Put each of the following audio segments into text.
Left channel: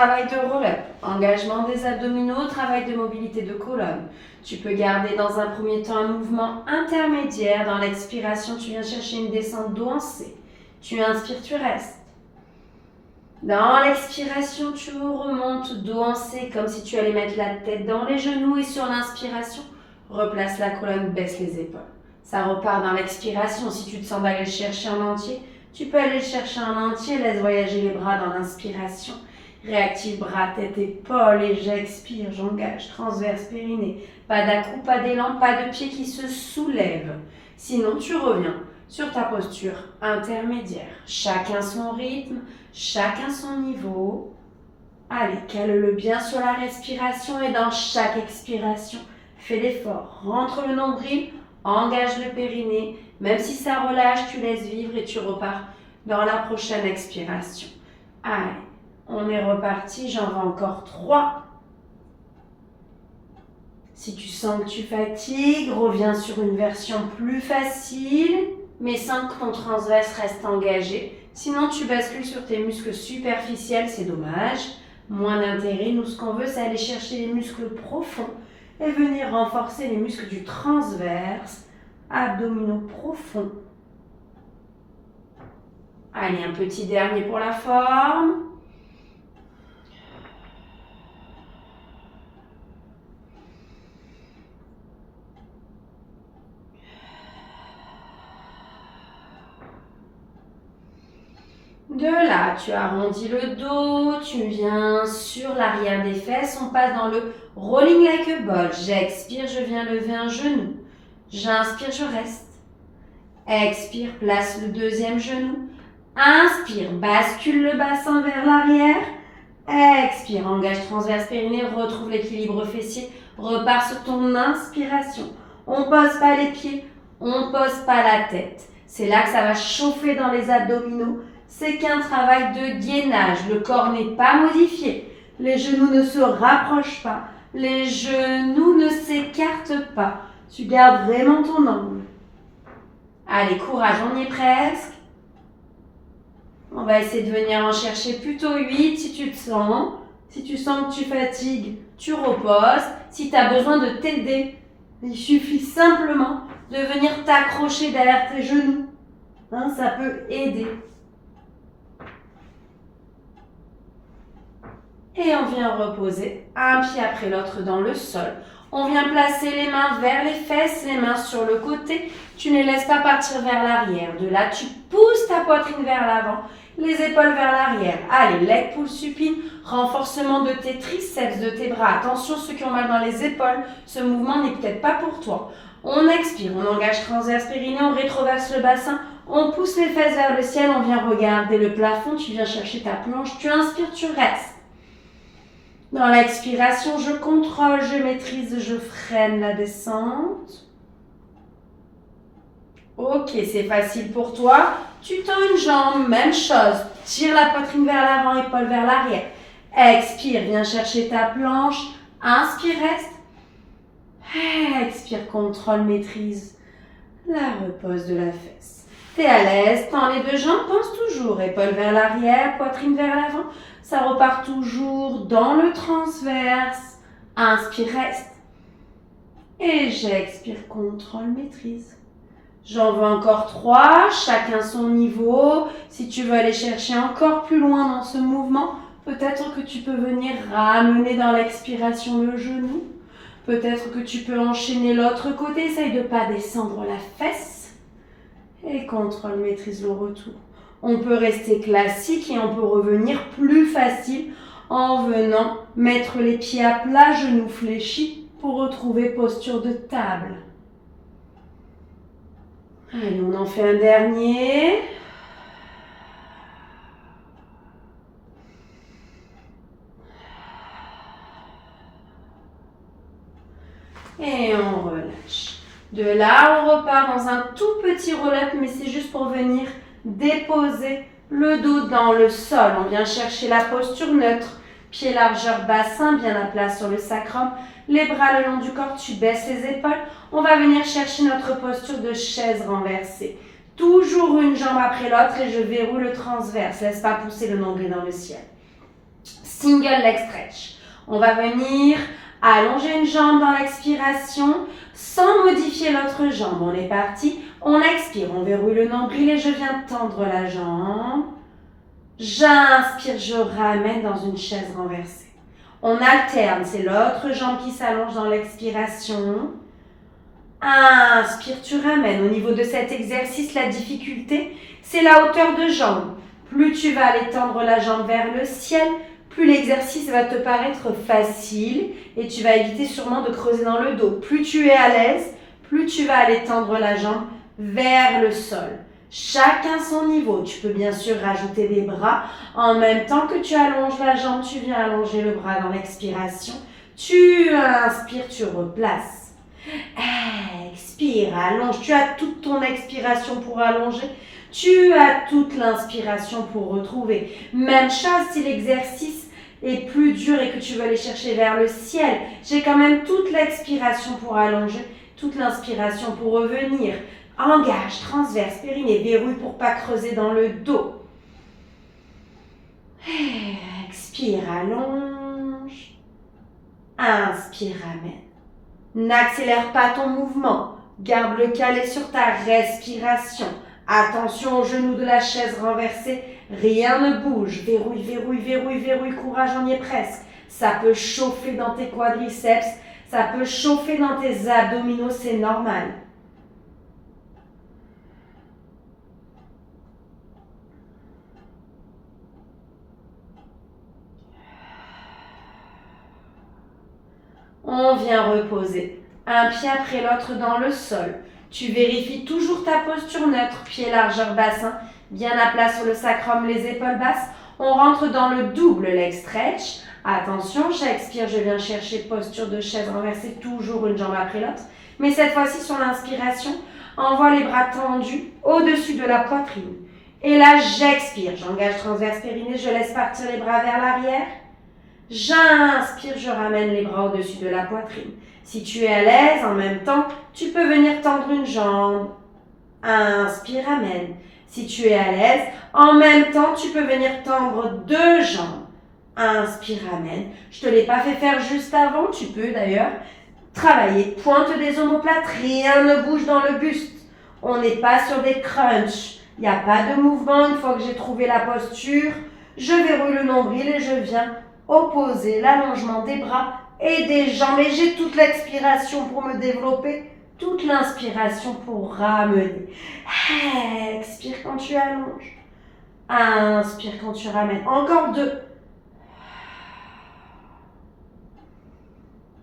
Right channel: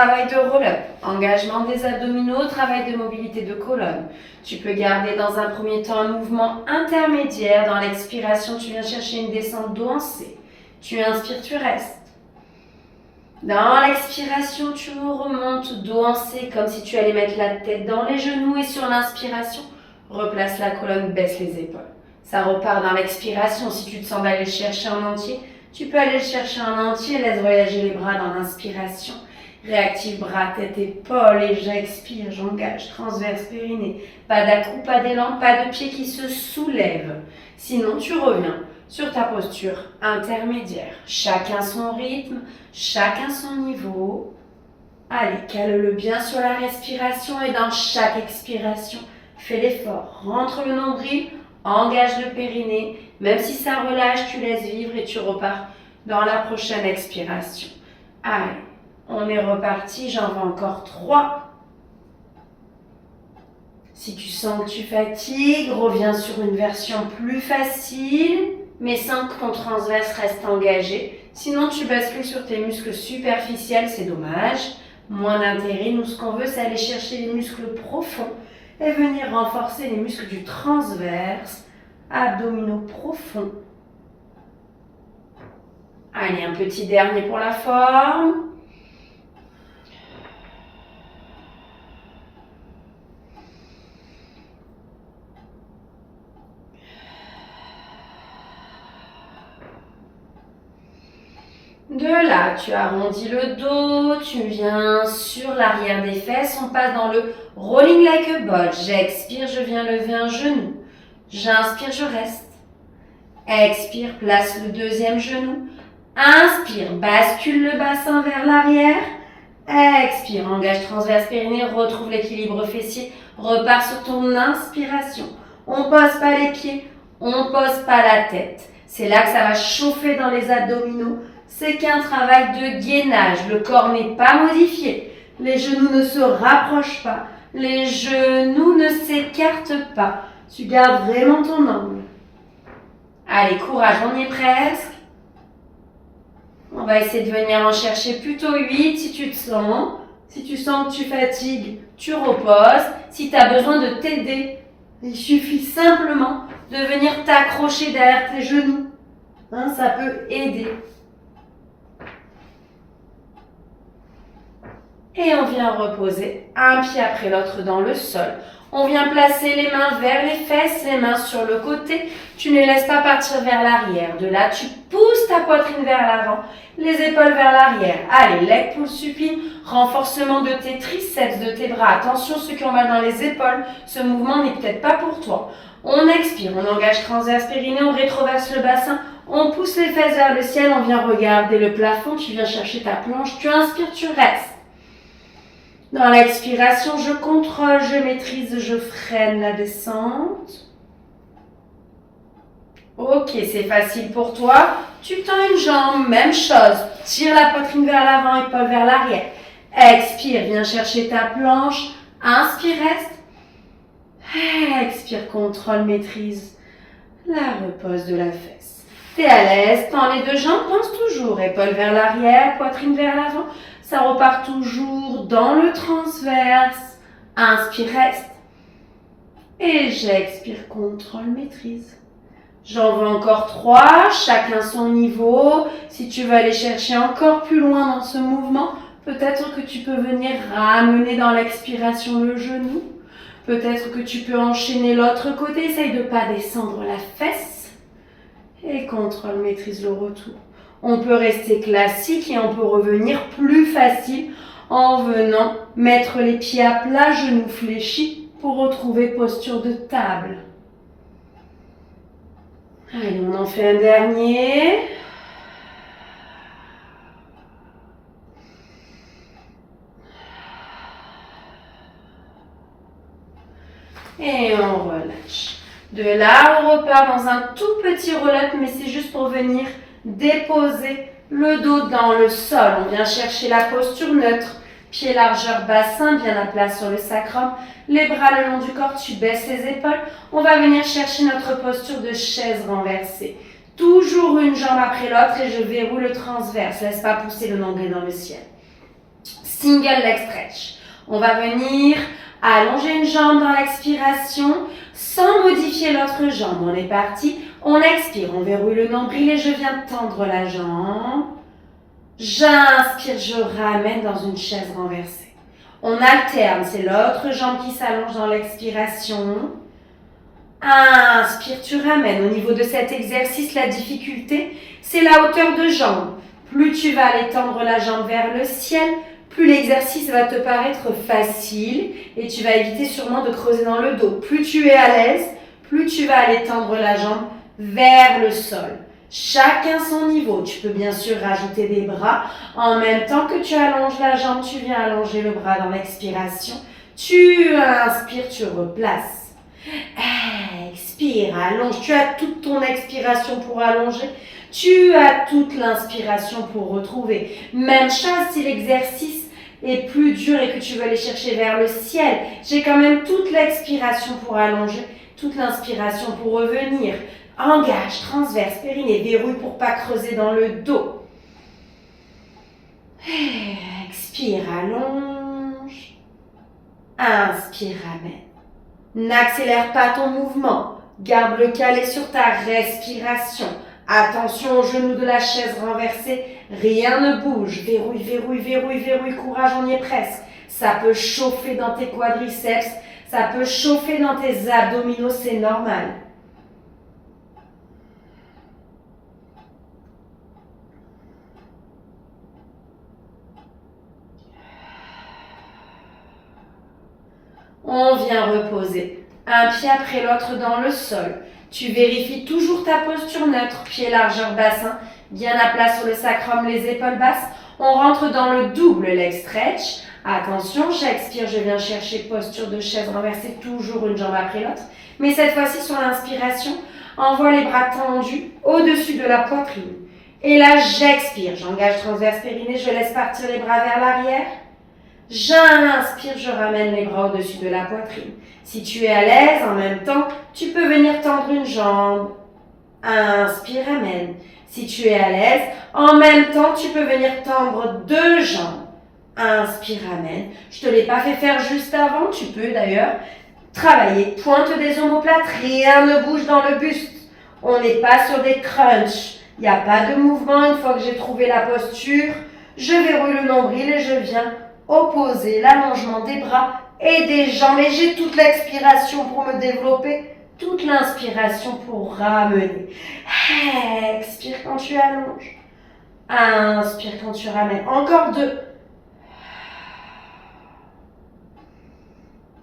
travail de roll-up, engagement des abdominaux, travail de mobilité de colonne. Tu peux garder dans un premier temps un mouvement intermédiaire. Dans l'expiration, tu viens chercher une descente dos en C. Tu inspires, tu restes. Dans l'expiration, tu remontes dos en C comme si tu allais mettre la tête dans les genoux. Et sur l'inspiration, replace la colonne, baisse les épaules. Ça repart dans l'expiration. Si tu te sens d'aller le chercher en entier, tu peux aller le chercher en entier. Laisse voyager les bras dans l'inspiration. Réactive bras, tête, épaules. Et j'expire, j'engage. Transverse, périnée. Pas d'à-coups, pas d'élan, pas de pied qui se soulève. Sinon, tu reviens sur ta posture intermédiaire. Chacun son rythme, chacun son niveau. Allez, cale-le bien sur la respiration et dans chaque expiration, fais l'effort. Rentre le nombril, engage le périnée. Même si ça relâche, tu laisses vivre et tu repars dans la prochaine expiration. Allez, on est reparti. J'en veux encore 3. Si tu sens que tu fatigues, reviens sur une version plus facile, mais sans que ton transverse reste engagé. Sinon, tu bascules sur tes muscles superficiels, c'est dommage. Moins d'intérêt. Nous, ce qu'on veut, c'est aller chercher les muscles profonds et venir renforcer les muscles du transverse, abdominaux profonds. Allez, un petit dernier pour la forme. De là, tu arrondis le dos, tu viens sur l'arrière des fesses, on passe dans le rolling like a ball. J'expire, je viens lever un genou. J'inspire, je reste. Expire, place le deuxième genou. Inspire, bascule le bassin vers l'arrière. Expire, engage transverse périnée, retrouve l'équilibre fessier. Repars sur ton inspiration. On ne pose pas les pieds, on ne pose pas la tête. C'est là que ça va chauffer dans les abdominaux. C'est qu'un travail de gainage. Le corps n'est pas modifié. Les genoux ne se rapprochent pas. Les genoux ne s'écartent pas. Tu gardes vraiment ton angle. Allez, courage, on y est presque. On va essayer de venir en chercher plutôt 8 si tu te sens. Si tu sens que tu fatigues, tu reposes. Si tu as besoin de t'aider, il suffit simplement de venir t'accrocher derrière tes genoux. Ça peut aider. Et on vient reposer un pied après l'autre dans le sol. On vient placer les mains vers les fesses, les mains sur le côté. Tu ne laisses pas partir vers l'arrière. De là, tu pousses ta poitrine vers l'avant, les épaules vers l'arrière. Allez, leg pull supine, renforcement de tes triceps, de tes bras. Attention, ceux qui ont mal dans les épaules, ce mouvement n'est peut-être pas pour toi. On expire, on engage transverse périnée, on rétroverse le bassin. On pousse les fesses vers le ciel, on vient regarder le plafond. Tu viens chercher ta planche, tu inspires, tu restes. Dans l'expiration, je contrôle, je maîtrise, je freine la descente. Ok, c'est facile pour toi. Tu tends une jambe, même chose. Tire la poitrine vers l'avant, épaule vers l'arrière. Expire, viens chercher ta planche. Inspire, reste. Expire, contrôle, maîtrise. La repose de la fesse. T'es à l'aise, tends les deux jambes, pense toujours. Épaule vers l'arrière, poitrine vers l'avant. Ça repart toujours dans le transverse. Inspire, reste. Et j'expire, contrôle, maîtrise. J'en veux encore 3, chacun son niveau. Si tu veux aller chercher encore plus loin dans ce mouvement, peut-être que tu peux venir ramener dans l'expiration le genou. Peut-être que tu peux enchaîner l'autre côté. Essaye de ne pas descendre la fesse. Et contrôle, maîtrise le retour. On peut rester classique et on peut revenir plus facile en venant mettre les pieds à plat, genoux fléchis pour retrouver posture de table. Allez, on en fait un dernier. Et on relâche. De là, on repart dans un tout petit roll-up, mais c'est juste pour venir déposer le dos dans le sol. On vient chercher la posture neutre. Pied largeur bassin, bien à plat sur le sacrum. Les bras le long du corps, tu baisses les épaules. On va venir chercher notre posture de chaise renversée. Toujours une jambe après l'autre et je verrouille le transverse. Laisse pas pousser le nombril dans le ciel. single leg stretch. On va venir allonger une jambe dans l'expiration sans modifier l'autre jambe. On est parti. On expire, on verrouille le nombril et je viens tendre la jambe. J'inspire, je ramène dans une chaise renversée. On alterne, c'est l'autre jambe qui s'allonge dans l'expiration. Inspire, tu ramènes. Au niveau de cet exercice, la difficulté, c'est la hauteur de jambe. Plus tu vas aller tendre la jambe vers le ciel, plus l'exercice va te paraître facile et tu vas éviter sûrement de creuser dans le dos. Plus tu es à l'aise, plus tu vas aller tendre la jambe vers le sol. Chacun son niveau. Tu peux bien sûr rajouter des bras. En même temps que tu allonges la jambe, tu viens allonger le bras dans l'expiration. Tu inspires, tu replaces. Expire, allonge. Tu as toute ton expiration pour allonger. Tu as toute l'inspiration pour retrouver. Même chose si l'exercice est plus dur et que tu veux aller chercher vers le ciel. J'ai quand même toute l'expiration pour allonger, toute l'inspiration pour revenir. Engage, transverse, périnée, verrouille pour pas creuser dans le dos. Expire, allonge. Inspire, ramène. N'accélère pas ton mouvement. Garde le calé sur ta respiration. Attention aux genoux de la chaise renversée. Rien ne bouge. Verrouille, verrouille, verrouille, verrouille. Courage, on y est presque. Ça peut chauffer dans tes quadriceps. Ça peut chauffer dans tes abdominaux. C'est normal. On vient reposer un pied après l'autre dans le sol. Tu vérifies toujours ta posture neutre, pied largeur bassin, bien à plat sur le sacrum, les épaules basses. On rentre dans le double leg stretch. Attention, j'expire, je viens chercher posture de chaise renversée, toujours une jambe après l'autre. Mais cette fois-ci, sur l'inspiration, envoie les bras tendus au-dessus de la poitrine. Et là, j'expire, j'engage transverse périnée, je laisse partir les bras vers l'arrière. J'inspire, je ramène les bras au-dessus de la poitrine. Si tu es à l'aise, en même temps, tu peux venir tendre une jambe. Inspire, ramène. Si tu es à l'aise, en même temps, tu peux venir tendre deux jambes. Inspire, ramène. Je ne te l'ai pas fait faire juste avant, tu peux d'ailleurs travailler. Pointe des omoplates, rien ne bouge dans le buste. On n'est pas sur des crunchs. Il n'y a pas de mouvement. Une fois que j'ai trouvé la posture, je verrouille le nombril et je viens opposer l'allongement des bras et des jambes. Et j'ai toute l'expiration pour me développer, toute l'inspiration pour ramener. Expire quand tu allonges. Inspire quand tu ramènes. Encore deux.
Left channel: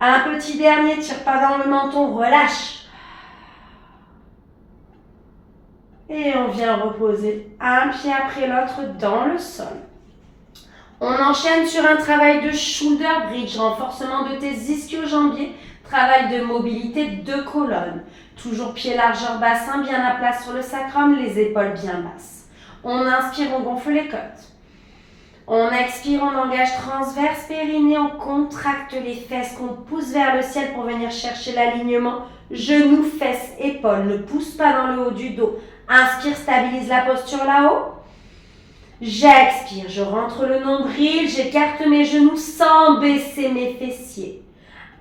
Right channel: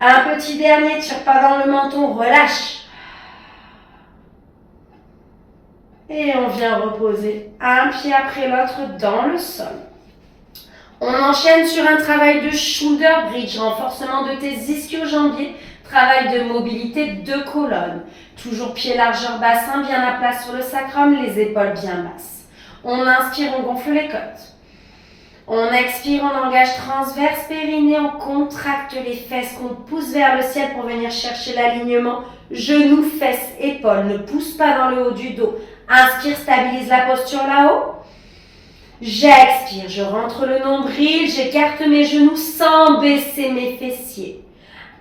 Un petit dernier, tire pas dans le menton, relâche. Et on vient reposer un pied après l'autre dans le sol. On enchaîne sur un travail de shoulder bridge, renforcement de tes ischio-jambiers, travail de mobilité de colonne. Toujours pied largeur bassin, bien à plat sur le sacrum, les épaules bien basses. On inspire, on gonfle les côtes. On expire, on engage transverse périnée, on contracte les fesses, qu'on pousse vers le ciel pour venir chercher l'alignement. Genoux, fesses, épaules, ne pousse pas dans le haut du dos. Inspire, stabilise la posture là-haut. J'expire, je rentre le nombril, j'écarte mes genoux sans baisser mes fessiers.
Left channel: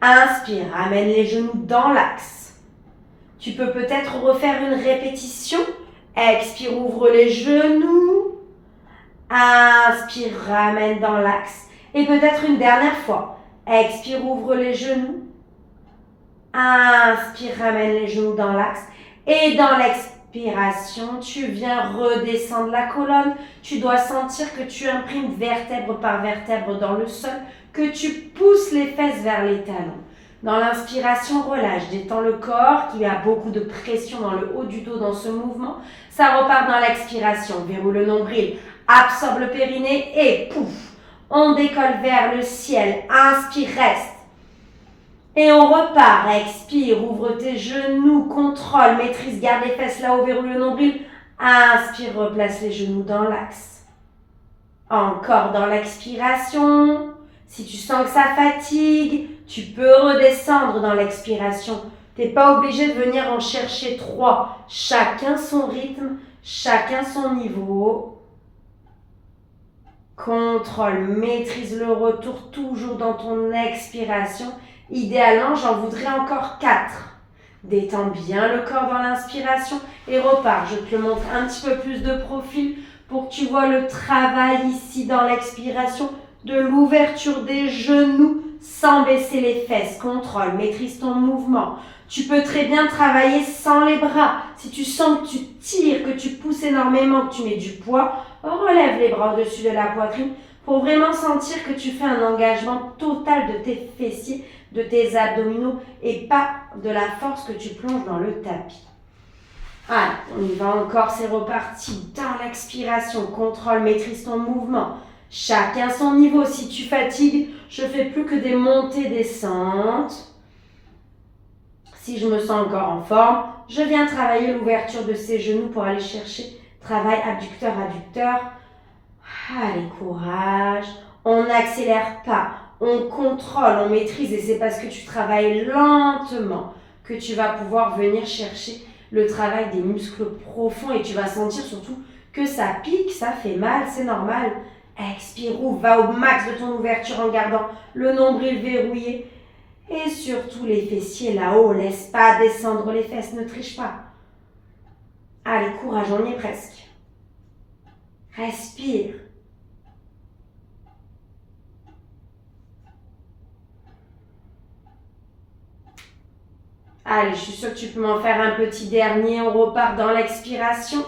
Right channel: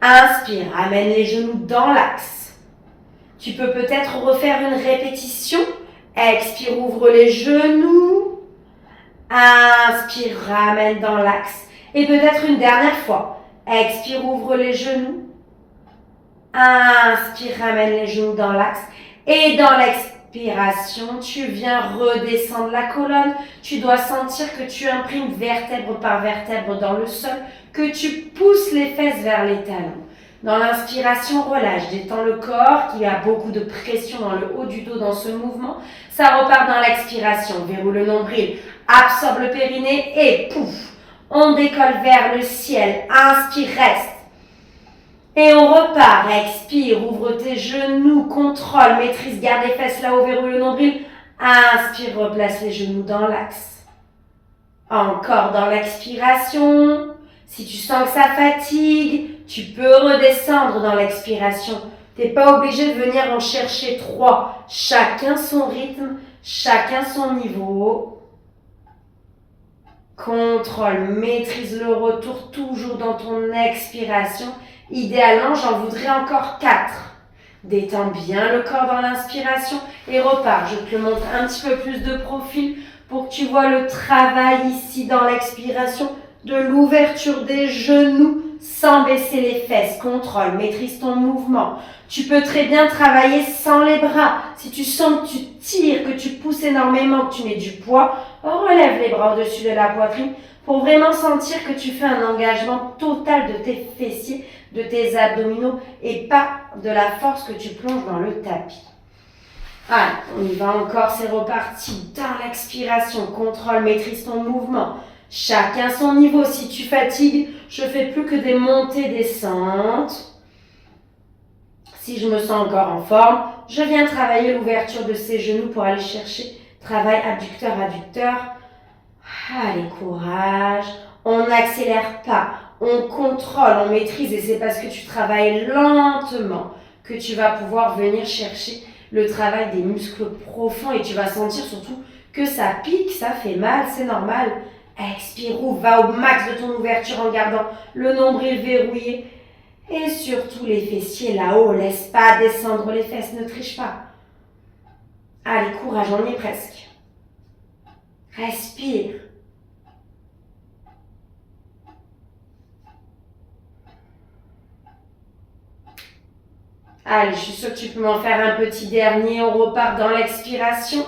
Inspire, ramène les genoux dans l'axe. Tu peux peut-être refaire une répétition. Expire, ouvre les genoux. Inspire, ramène dans l'axe. Et peut-être une dernière fois. Expire, ouvre les genoux. Inspire, ramène les genoux dans l'axe. Et dans l'expiration, tu viens redescendre la colonne. Tu dois sentir que tu imprimes vertèbre par vertèbre dans le sol, que tu pousses les fesses vers les talons. Dans l'inspiration, relâche, détends le corps, qui a beaucoup de pression dans le haut du dos dans ce mouvement. Ça repart dans l'expiration, verrouille le nombril, absorbe le périnée et pouf, on décolle vers le ciel. Inspire, reste. Et on repart, expire, ouvre tes genoux, contrôle, maîtrise, garde les fesses là-haut, verrouille le nombril. Inspire, replace les genoux dans l'axe. Encore dans l'expiration. Si tu sens que ça fatigue, tu peux redescendre dans l'expiration. Tu n'es pas obligé de venir en chercher 3. Chacun son rythme, chacun son niveau. Contrôle, maîtrise le retour toujours dans ton expiration. Idéalement, j'en voudrais encore 4. Détends bien le corps dans l'inspiration et repars. Je te le montre un petit peu plus de profil pour que tu vois le travail ici dans l'expiration de l'ouverture des genoux sans baisser les fesses. Contrôle, maîtrise ton mouvement. Tu peux très bien travailler sans les bras. Si tu sens que tu tires, que tu pousses énormément, que tu mets du poids, relève les bras au-dessus de la poitrine pour vraiment sentir que tu fais un engagement total de tes fessiers, de tes abdominaux et pas de la force que tu plonges dans le tapis. Allez, on y va encore, c'est reparti. Dans l'expiration, contrôle, maîtrise ton mouvement. Chacun son niveau. Si tu fatigues, je fais plus que des montées, descentes. Si je me sens encore en forme, je viens travailler l'ouverture de ses genoux pour aller chercher travail abducteur-adducteur. Allez, courage. On n'accélère pas, on contrôle, on maîtrise et c'est parce que tu travailles lentement que tu vas pouvoir venir chercher le travail des muscles profonds et tu vas sentir surtout que ça pique, ça fait mal, c'est normal. Expire, ouvre, va au max de ton ouverture en gardant le nombril verrouillé. Et surtout les fessiers là-haut, laisse pas descendre les fesses, ne triche pas. Allez, courage, on y est presque. Respire. Allez, je suis sûre que tu peux m'en faire un petit dernier. On repart dans l'expiration.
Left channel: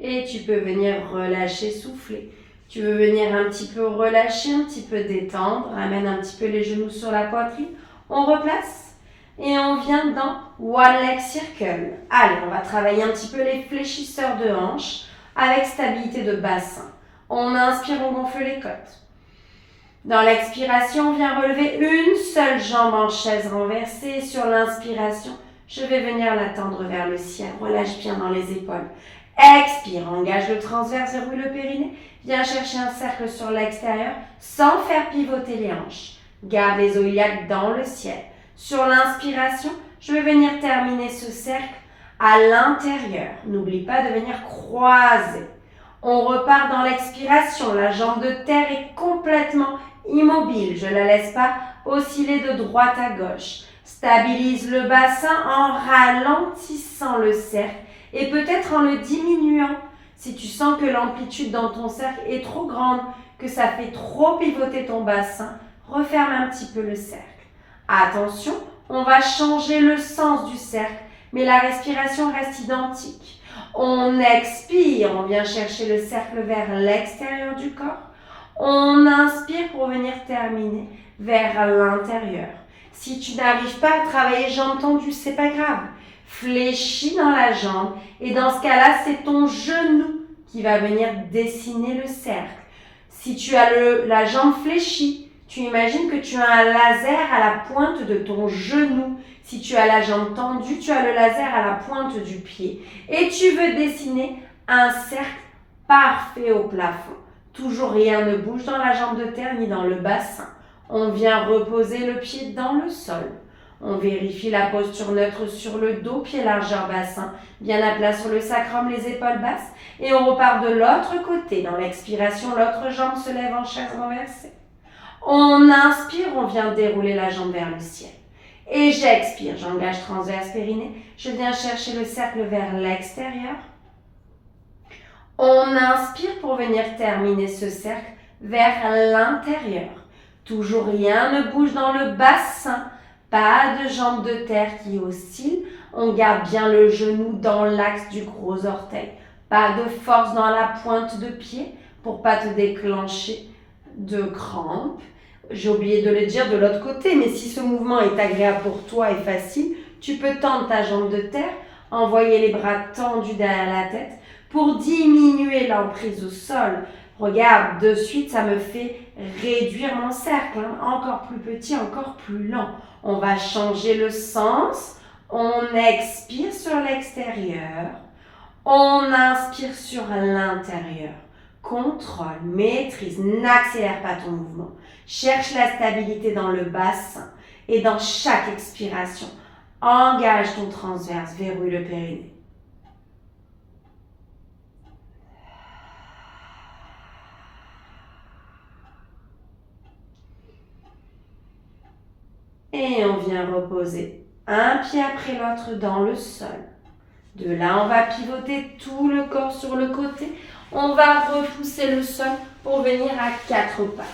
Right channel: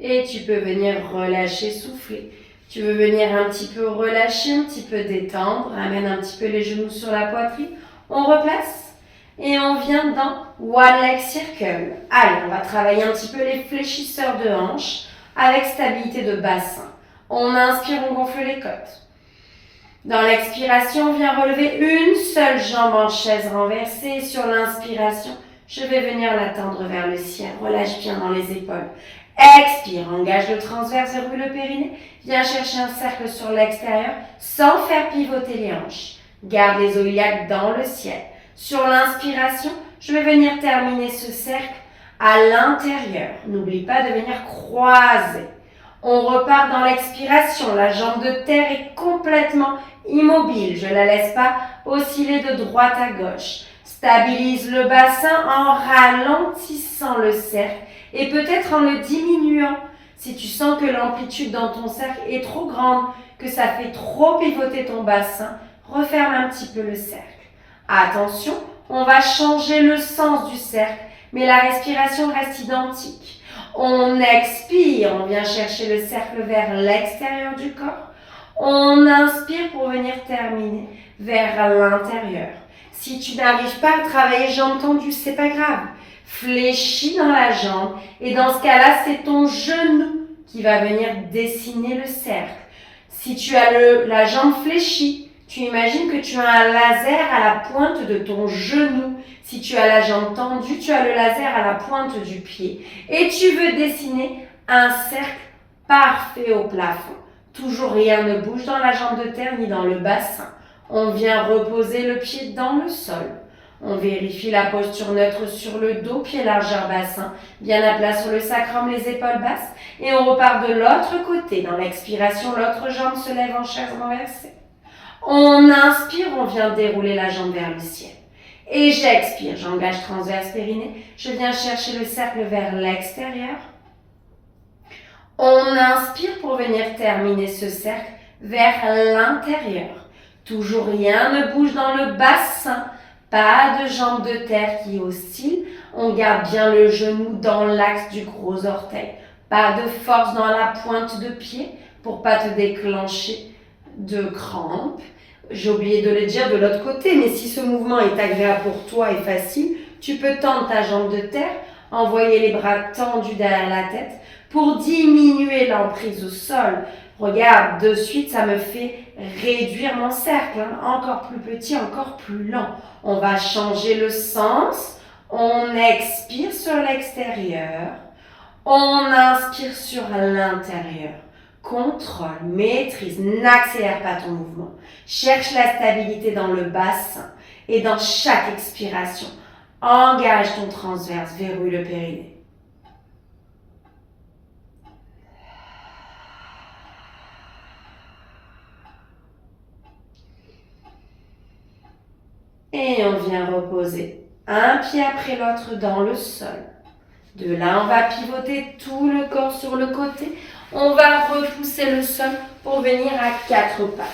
Et tu peux venir relâcher, souffler. Tu veux venir un petit peu relâcher, un petit peu détendre. Amène un petit peu les genoux sur la poitrine. On replace et on vient dans One Leg Circle. Allez, on va travailler un petit peu les fléchisseurs de hanches avec stabilité de bassin. On inspire, on gonfle les côtes. Dans l'expiration, on vient relever une seule jambe en chaise renversée. Sur l'inspiration, je vais venir la tendre vers le ciel. Relâche bien dans les épaules. Expire, engage le transverse, verrouille le périnée. Viens chercher un cercle sur l'extérieur sans faire pivoter les hanches. Garde les os iliaques dans le ciel. Sur l'inspiration, je vais venir terminer ce cercle à l'intérieur. N'oublie pas de venir croiser. On repart dans l'expiration. La jambe de terre est complètement immobile. Je ne la laisse pas osciller de droite à gauche. Stabilise le bassin en ralentissant le cercle. Et peut-être en le diminuant, si tu sens que l'amplitude dans ton cercle est trop grande, que ça fait trop pivoter ton bassin, referme un petit peu le cercle. Attention, on va changer le sens du cercle, mais la respiration reste identique. On expire, on vient chercher le cercle vers l'extérieur du corps. On inspire pour venir terminer vers l'intérieur. Si tu n'arrives pas à travailler jambes tendues, c'est pas grave. Fléchis dans la jambe et dans ce cas-là, c'est ton genou qui va venir dessiner le cercle. Si tu as la jambe fléchie, tu imagines que tu as un laser à la pointe de ton genou. Si tu as la jambe tendue, tu as le laser à la pointe du pied. Et tu veux dessiner un cercle parfait au plafond. Toujours rien ne bouge dans la jambe de terre ni dans le bassin. On vient reposer le pied dans le sol. On vérifie la posture neutre sur le dos, pied largeur bassin, bien à plat sur le sacrum, les épaules basses. Et on repart de l'autre côté. Dans l'expiration, l'autre jambe se lève en chaise renversée. On inspire, on vient dérouler la jambe vers le ciel. Et j'expire, j'engage transverse périnée. Je viens chercher le cercle vers l'extérieur. On inspire pour venir terminer ce cercle vers l'intérieur. Toujours rien ne bouge dans le bassin. Pas de jambes de terre qui oscillent. On garde bien le genou dans l'axe du gros orteil. Pas de force dans la pointe de pied pour pas te déclencher de crampes. J'ai oublié de le dire de l'autre côté, mais si ce mouvement est agréable pour toi et facile, tu peux tendre ta jambe de terre, envoyer les bras tendus derrière la tête pour diminuer l'emprise au sol. Regarde, de suite, ça me fait réduire mon cercle, hein, encore plus petit, encore plus lent. On va changer le sens. On expire sur l'extérieur. On inspire sur l'intérieur. Contrôle, maîtrise, n'accélère pas ton mouvement. Cherche la stabilité dans le bassin et dans chaque expiration. Engage ton transverse, verrouille le périnée. Et on vient reposer un pied après l'autre dans le sol. De là, on va pivoter tout le corps sur le côté. On va repousser le sol pour venir à 4 pattes.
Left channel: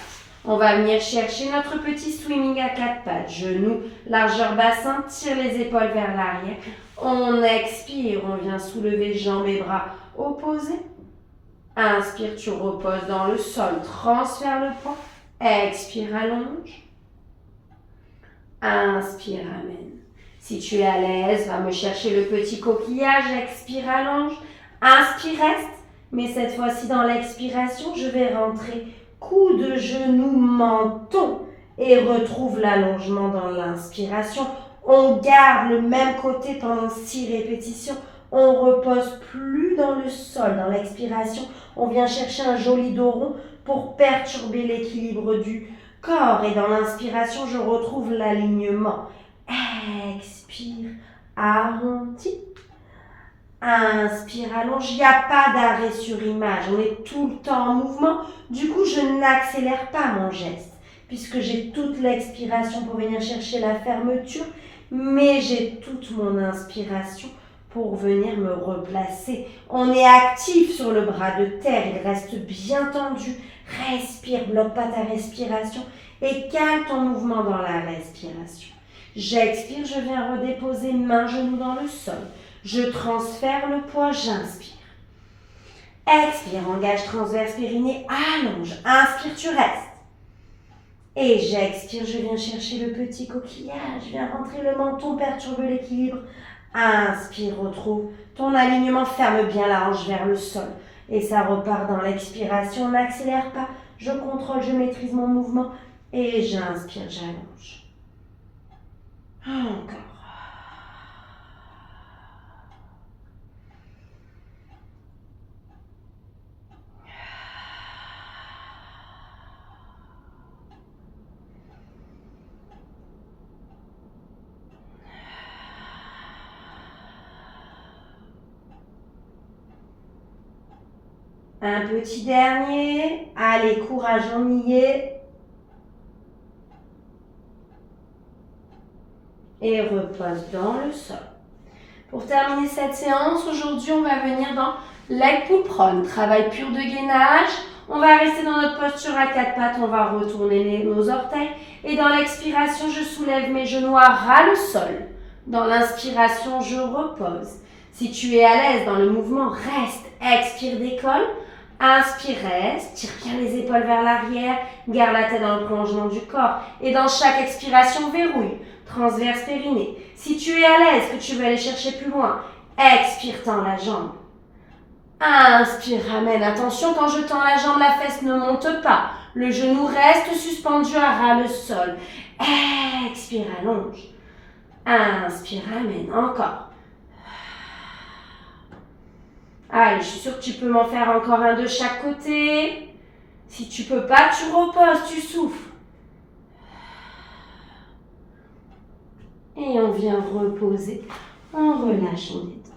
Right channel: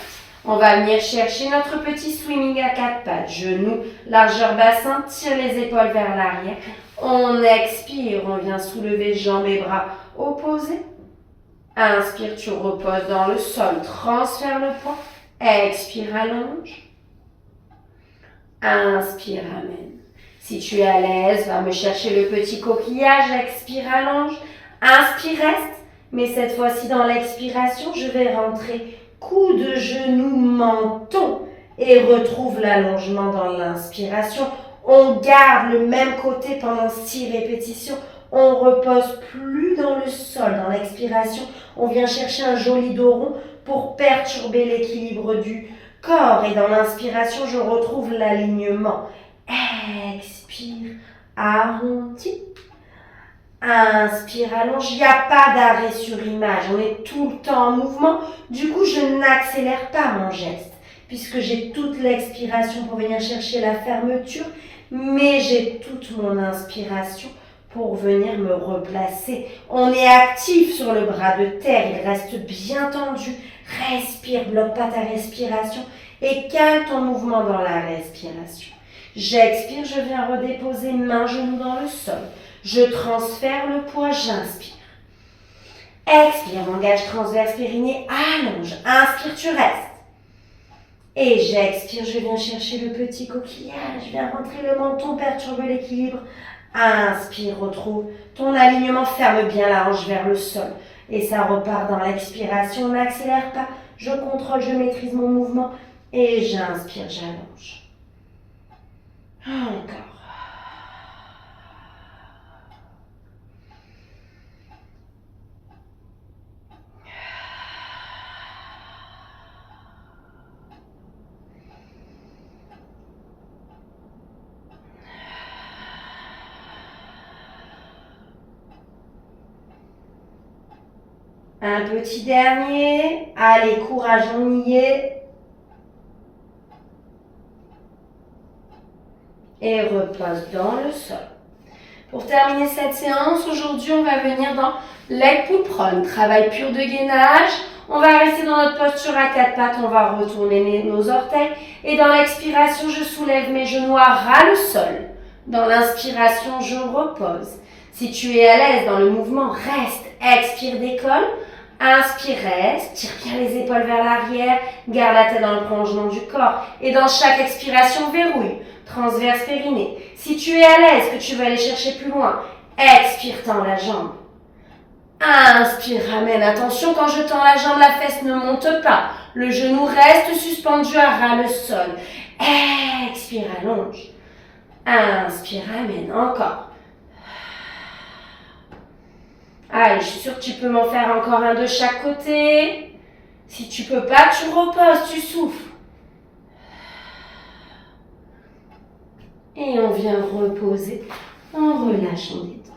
On va venir chercher notre petit swimming à 4 pattes. Genoux, largeur bassin, tire les épaules vers l'arrière. On expire, on vient soulever jambes et bras opposés. Inspire, tu reposes dans le sol, transfère le poids. Expire, allonge. Inspire, amène. Si tu es à l'aise, va me chercher le petit coquillage, expire, allonge. Inspire, reste. Mais cette fois-ci, dans l'expiration, je vais rentrer coude, genou, menton et retrouve l'allongement dans l'inspiration. On garde le même côté pendant 6 répétitions. On repose plus dans le sol. Dans l'expiration, on vient chercher un joli dos rond pour perturber l'équilibre du corps. Et dans l'inspiration, je retrouve l'alignement. Expire, arrondi. Inspire, allonge. Il n'y a pas d'arrêt sur image. On est tout le temps en mouvement. Du coup, je n'accélère pas mon geste puisque j'ai toute l'expiration pour venir chercher la fermeture, mais j'ai toute mon inspiration pour venir me replacer. On est actif sur le bras de terre. Il reste bien tendu. Respire, bloque pas ta respiration et cale ton mouvement dans la respiration. J'expire, je viens redéposer main, genou dans le sol. Je transfère le poids, j'inspire. Expire, engage transverse périnée, allonge. Inspire, tu restes. Et j'expire, je viens chercher le petit coquillage. Je viens rentrer le menton, perturbe l'équilibre. Inspire, retrouve ton alignement, ferme bien la hanche vers le sol. Et ça repart dans l'expiration, n'accélère pas. Je contrôle, je maîtrise mon mouvement. Et j'inspire, j'allonge. Encore. Un petit dernier. Allez, courage, on y est. Et repose dans le sol. Pour terminer cette séance, aujourd'hui, on va venir dans leg pull prone, travail pur de gainage. On va rester dans notre posture à 4 pattes, on va retourner nos orteils. Et dans l'expiration, je soulève mes genoux à ras le sol. Dans l'inspiration, je repose. Si tu es à l'aise dans le mouvement, reste, expire, décolle. Inspire, reste, tire bien les épaules vers l'arrière, garde la tête dans le prolongement du corps. Et dans chaque expiration, verrouille, transverse périnée. Si tu es à l'aise, que tu veux aller chercher plus loin, expire, tends la jambe. Inspire, ramène. Attention, quand je tends la jambe, la fesse ne monte pas. Le genou reste suspendu à ras le sol. Expire, allonge. Inspire, ramène. Encore. Allez, je suis sûre que tu peux m'en faire encore un de chaque côté. Si tu peux pas, tu reposes, tu souffles. Et on vient reposer. On relâche, on détend.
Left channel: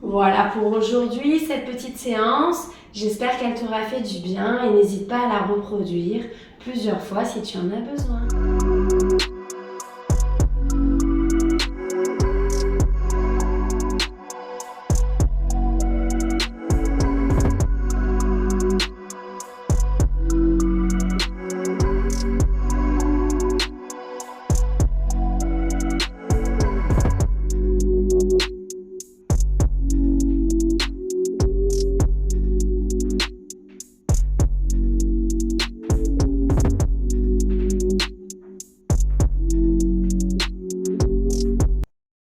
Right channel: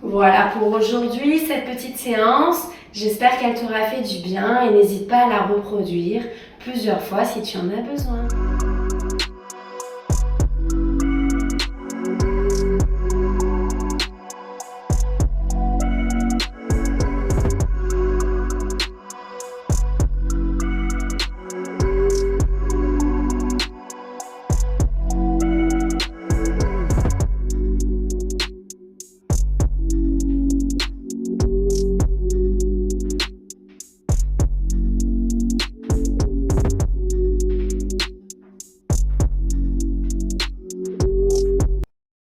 Voilà pour aujourd'hui, cette petite séance. J'espère qu'elle t'aura fait du bien et n'hésite pas à la reproduire plusieurs fois si tu en as besoin.